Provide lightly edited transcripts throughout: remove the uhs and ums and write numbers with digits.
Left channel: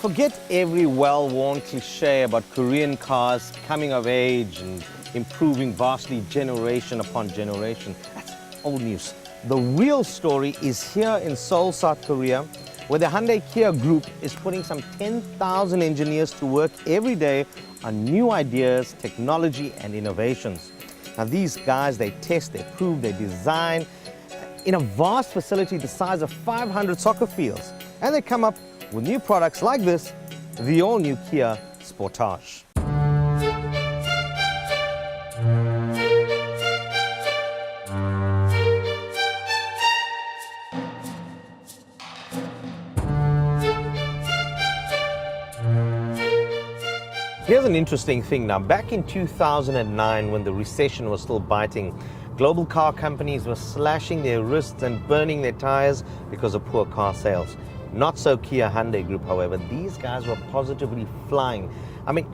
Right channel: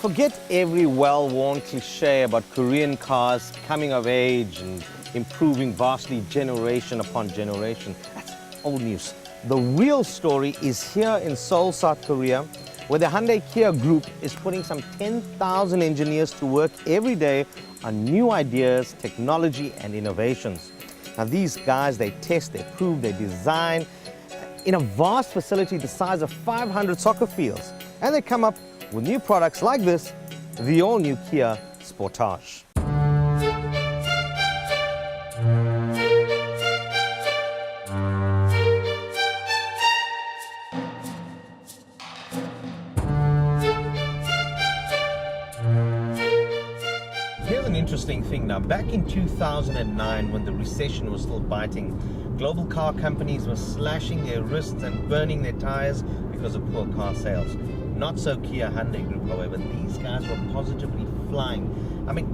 Forget every well-worn cliche about Korean cars coming of age and improving vastly generation upon generation. That's old news. The real story is here in Seoul, South Korea, where the Hyundai Kia Group is putting some 10,000 engineers to work every day on new ideas, technology, and innovations. Now these guys, they test, they prove, they design in a vast facility the size of 500 soccer fields. And they come up with new products like this, the all-new Kia Sportage. Here's an interesting thing now. Back in 2009, when the recession was still biting, global car companies were slashing their wrists and burning their tires because of poor car sales. Not so Kia Hyundai Group, however. These guys were positively flying. I mean,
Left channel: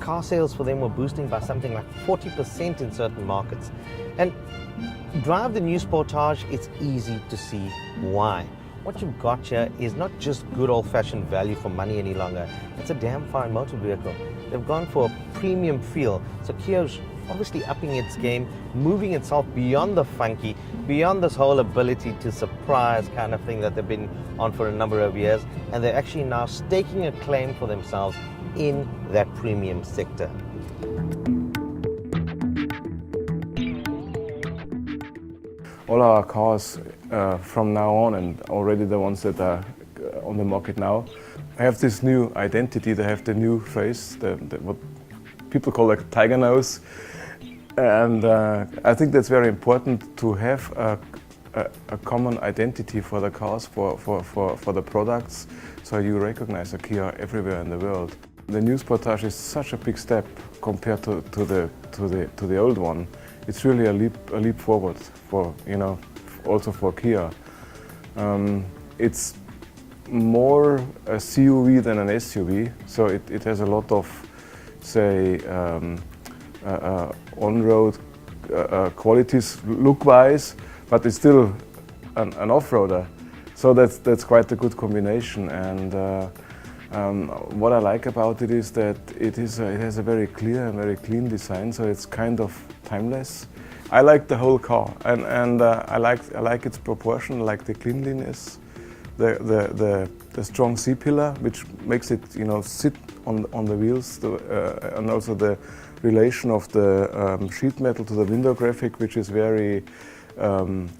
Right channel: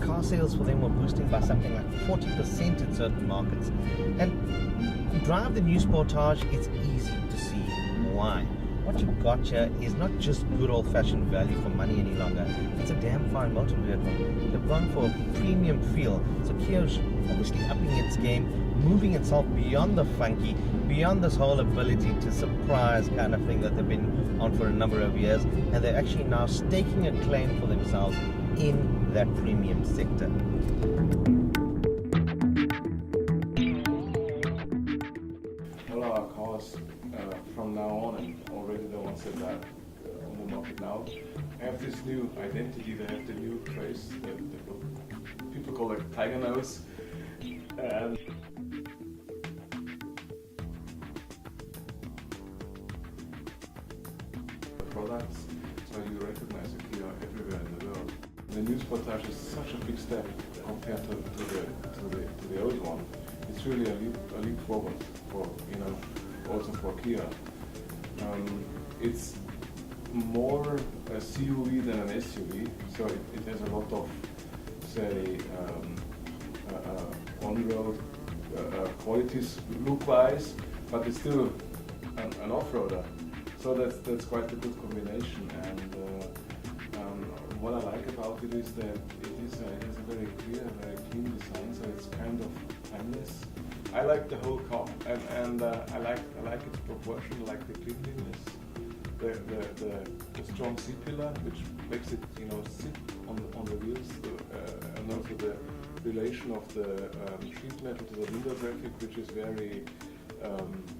car sales for them were boosting by something like 40% in certain markets. And drive the new Sportage, it's easy to see why. What you've got here is not just good old-fashioned value for money any longer. It's a damn fine motor vehicle. They've gone for a premium feel. So Kia's obviously upping its game, moving itself beyond the funky, beyond this whole ability to surprise kind of thing that they've been on for a number of years. And they're actually now staking a claim for themselves in that premium sector. All our cars from now on, and already the ones that are on the market now, have this new identity. They have the new face, what people call a tiger nose. And I think that's very important to have a common identity for the cars, for the products, so you recognize a Kia everywhere in the world. The new Sportage is such a big step compared to the old one. It's really a leap forward for, also for Kia. It's more a CUV than an SUV, so it has a lot of, say, on-road qualities look-wise, but it's still an off-roader. So that's quite a good combination. And what I like about it is that it has a very clear and very clean design, so it's kind of timeless. I like the whole car, and I like its proportion, I like the cleanliness, the strong C-pillar, which makes it sit on the wheels, and also the relation of the sheet metal to the window graphic, which is very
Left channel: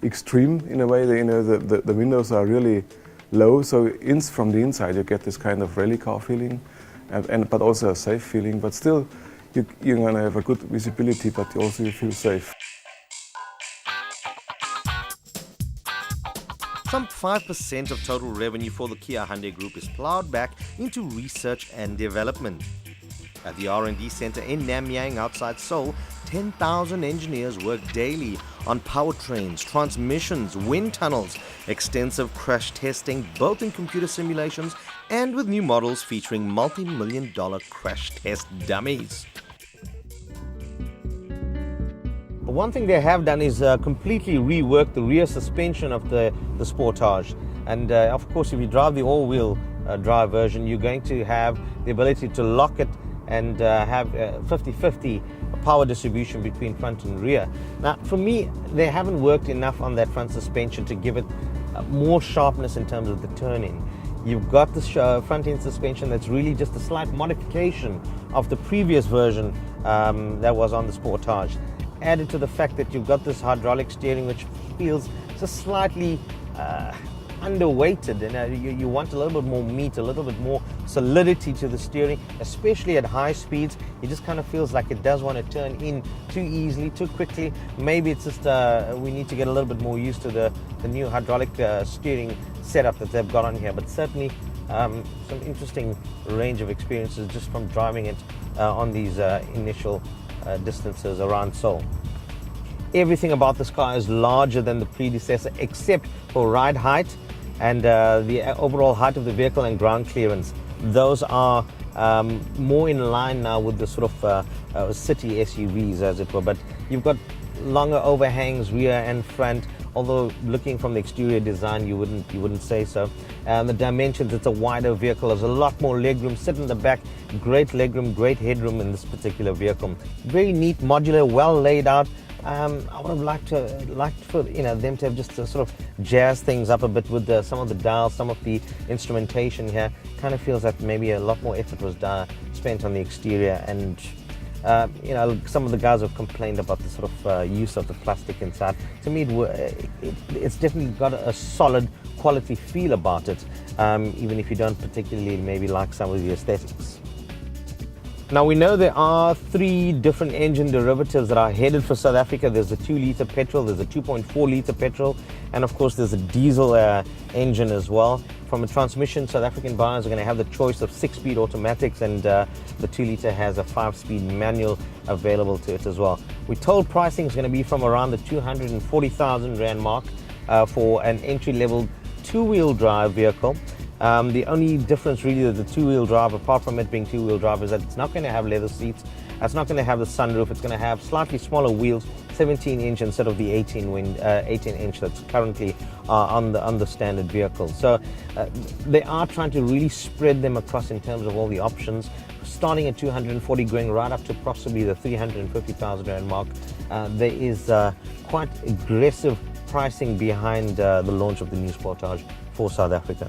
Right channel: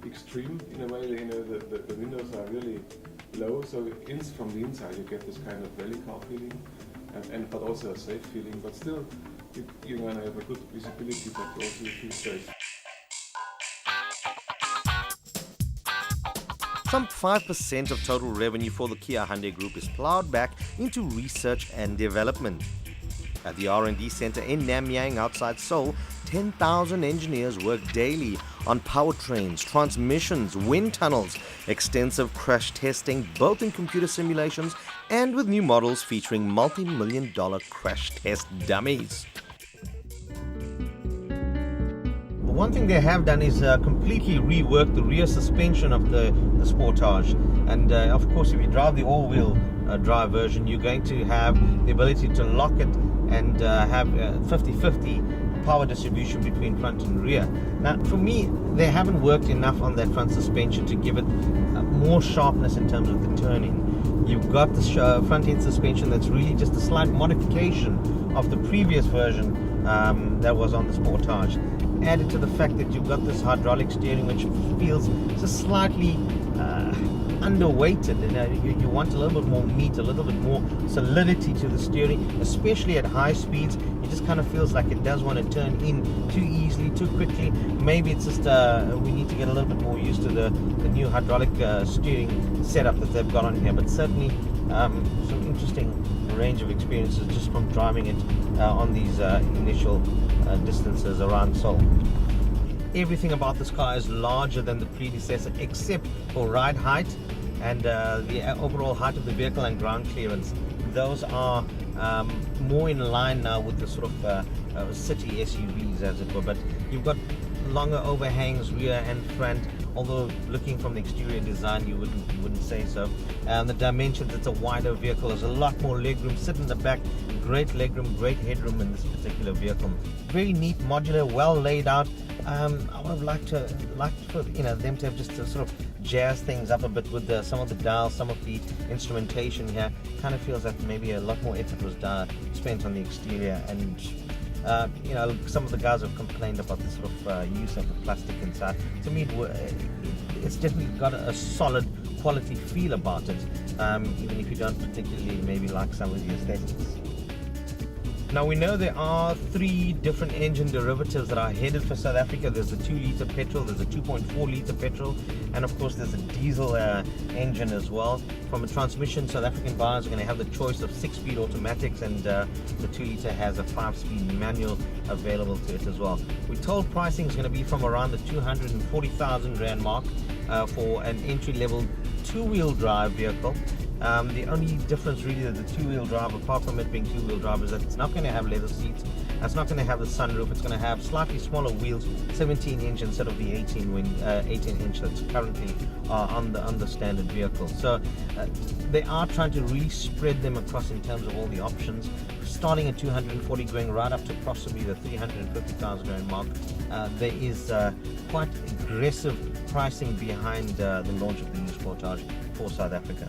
extreme in a way. The windows are really low, so from the inside you get this kind of rally car feeling, but also a safe feeling. But still, you're going to have a good visibility, but also you feel safe. Some 5% of total revenue for the Kia Hyundai Group is plowed back into research and development. At the R&D center in Namyang outside Seoul, 10,000 engineers work daily on powertrains, transmissions, wind tunnels, extensive crash testing, both in computer simulations and with new models featuring multi-million-dollar crash test dummies. One thing they have done is completely rework the rear suspension of the Sportage. And of course, if you drive the all-wheel drive version, you're going to have the ability to lock it and have 50-50 power distribution between front and rear. Now, for me, they haven't worked enough on that front suspension to give it more sharpness in terms of the turning. You've got this front-end suspension that's really just a slight modification of the previous version that was on the Sportage. Added to the fact that you've got this hydraulic steering, which feels just slightly underweighted, and you want a little bit more meat, a little bit more solidity to the steering, especially at high speeds. It just kind of feels like it does want to turn in too easily, too quickly. Maybe it's just we need to get a little bit more used to the new hydraulic steering setup that they've got on here, but certainly some interesting range of experiences just from driving it on these initial distances around Seoul. Everything about this car is larger than the predecessor except for ride height and the overall height of the vehicle and ground clearance. Those are more in line now with the sort of city SUVs, as it were, but you've got longer overhangs rear and front, although looking from the exterior design you wouldn't say so. The dimensions, it's a wider vehicle, there's a lot more legroom. Sit in the back, great legroom, great headroom in this particular vehicle. Very neat, modular, well laid out. I would have liked for them to have just to sort of jazz things up a bit with some of the dials, some of the instrumentation here. Kind of feels that maybe a lot more effort was spent on the exterior, and some of the guys have complained about the sort of use of the plastic inside. To me, it's definitely got a solid quality feel about it, even if you don't particularly maybe like some of the aesthetics. Now we know there are 3 different engine derivatives that are headed for South Africa. There's a 2-litre petrol, there's a 2.4-litre petrol, and of course there's a diesel engine as well. From a transmission, South African buyers are going to have the choice of 6-speed automatics, and the 2-litre has a 5-speed manual available to it as well. We're told pricing is going to be from around the 240,000 Rand mark for an entry-level 2-wheel drive vehicle. The only difference really with the 2-wheel drive, apart from it being 2-wheel drive, is that it's not going to have leather seats, it's not going to have the sunroof, it's going to have slightly smaller wheels, 17-inch instead of the 18-inch that's currently on the standard vehicle. So they are trying to really spread them across in terms of all the options, starting at 240, going right up to possibly the 350,000 Rand mark. There is quite aggressive pricing behind the launch of the new Sportage for South Africa.